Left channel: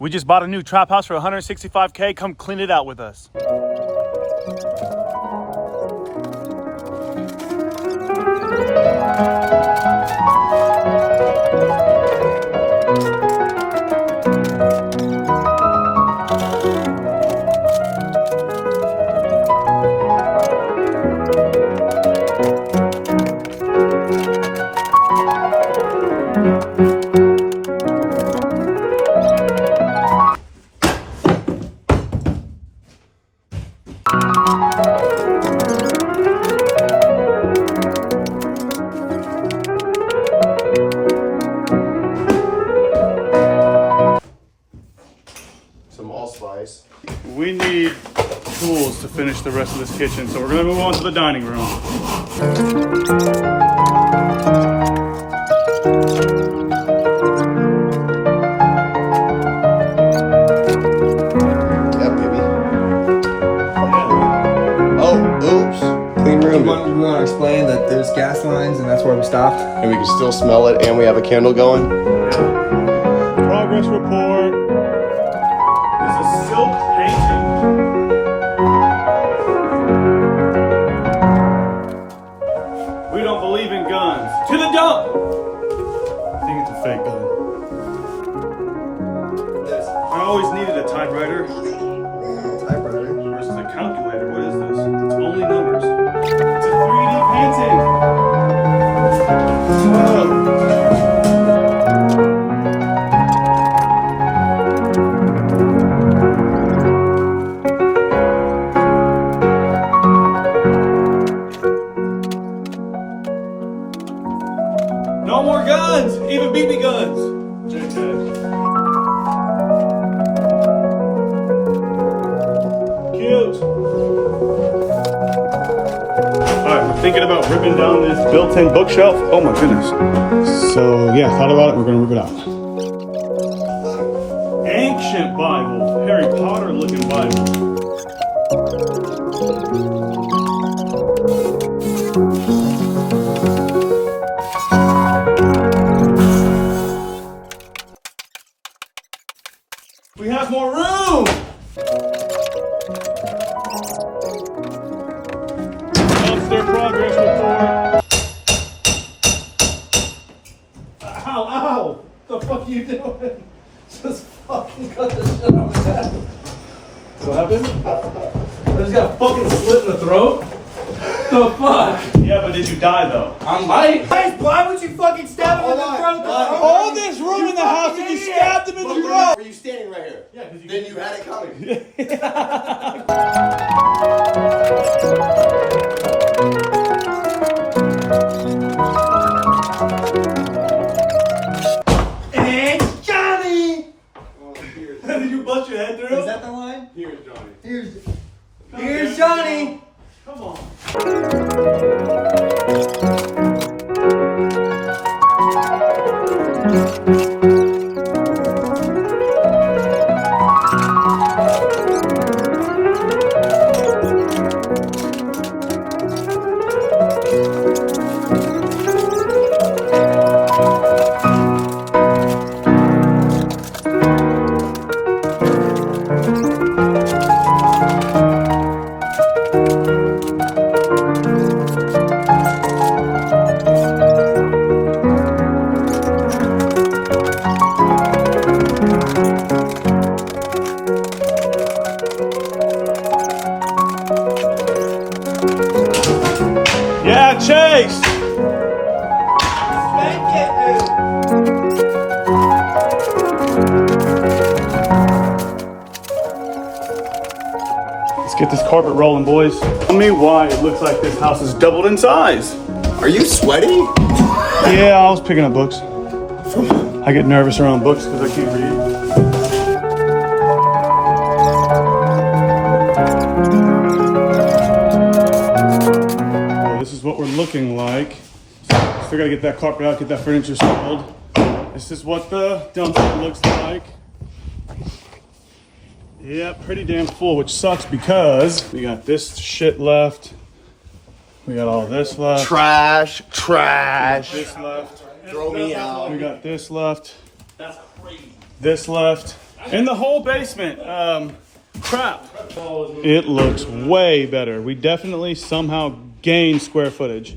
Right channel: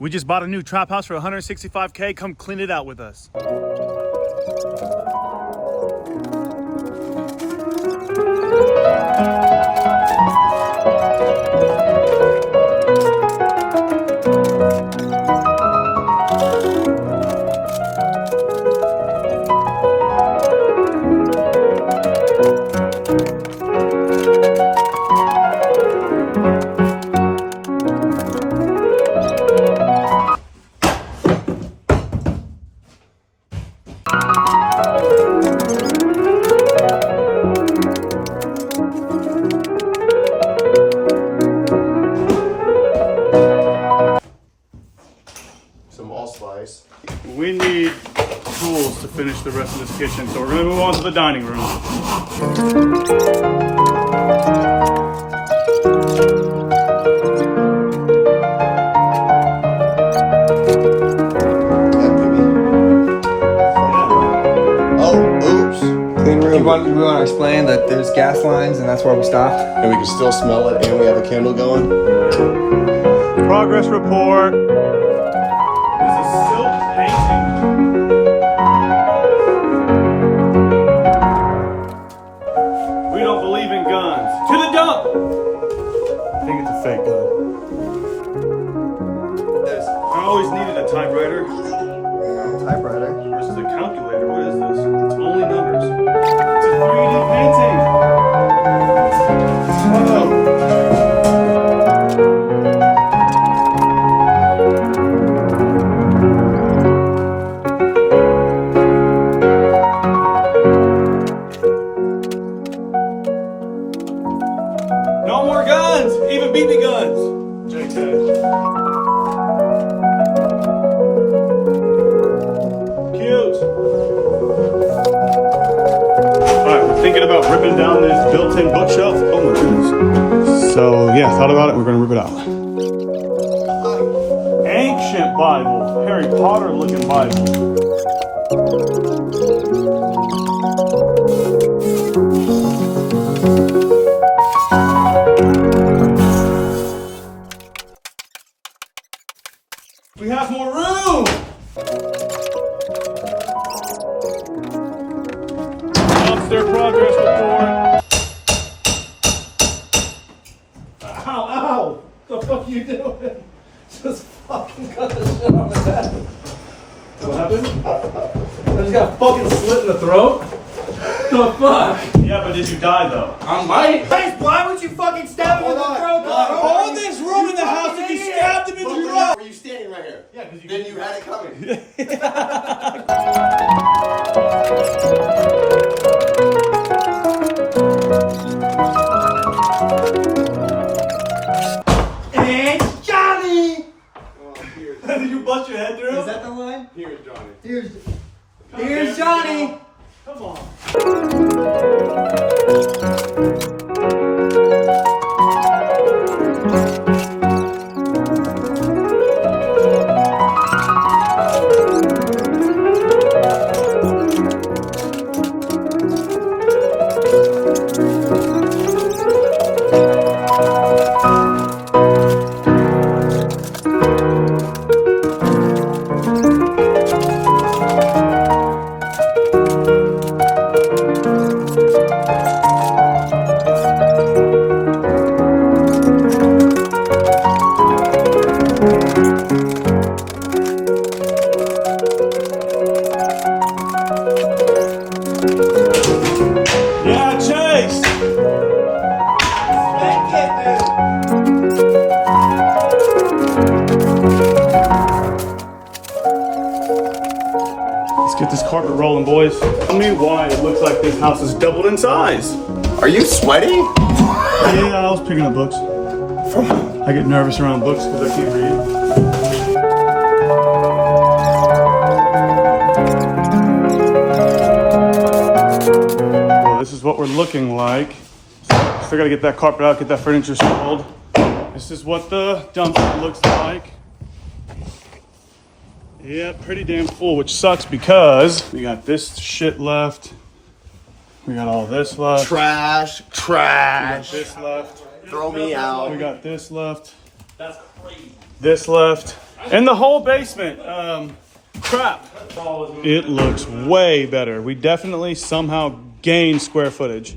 We just bought a new trap house for $165K. Come clean it out with us. Some allspice. We need tools to finish the rest of this kitchen, so we're gonna move on to the dining room. Yeah, baby. Oh, oops. Clean room. We want to explain that there's gas lines and that's where we stopped. And we can still smell it, and we have a candle going. Progress report. This is silk painting. We don't believe in guns. To the dump! I think it's a fake gun. I always needed a typewriter. Typewriter. Versus a calculator. What is this? It's only numbers. It's a 3D painting. Whoa. No more guns! Even BB guns! JK. Cute. Alright, we're thinking about ripping down this built-in bookshelf. Oh my goodness. So yeah, thought about it, we're gonna rip it out. Ancient Bible. Harry Potter looking Bible. We have more room! Upstairs progress report. Ow, ow! The fuck are you doing? Just fucking cut the shit on my head. What happened? I just got fucking slit in the throat? The fuck? Yeah, but did you die though? I might. Guys, why would you fucking stab him in the throat? All this room in the house and you stabbed him in the throat! Were you standing right here? Yeah, because Then you had it coming. It's Johnny! Did you bust your head through? Is that the line? Here's Johnny. Here's Johnny! Come on. Yeah, Chase! Let's get this carpet rolling, boys. Tell me why it looks like this house is doubled in size. Are you sweaty? Yeah, I was picking up books. I get nervous around books because I can't read. Well, this is what we're looking like. Still gotta get that carpet out, get that furniture sold. This is what the dumpster looks like. Yeah, pretty damn full, which sucks because we got this shit left. We got all this left. Trash, trash. This left. Throw me out. We got this left. That's crazy. This left. And the whole basement, crap. It looks way better. We definitely somehow gained square footage.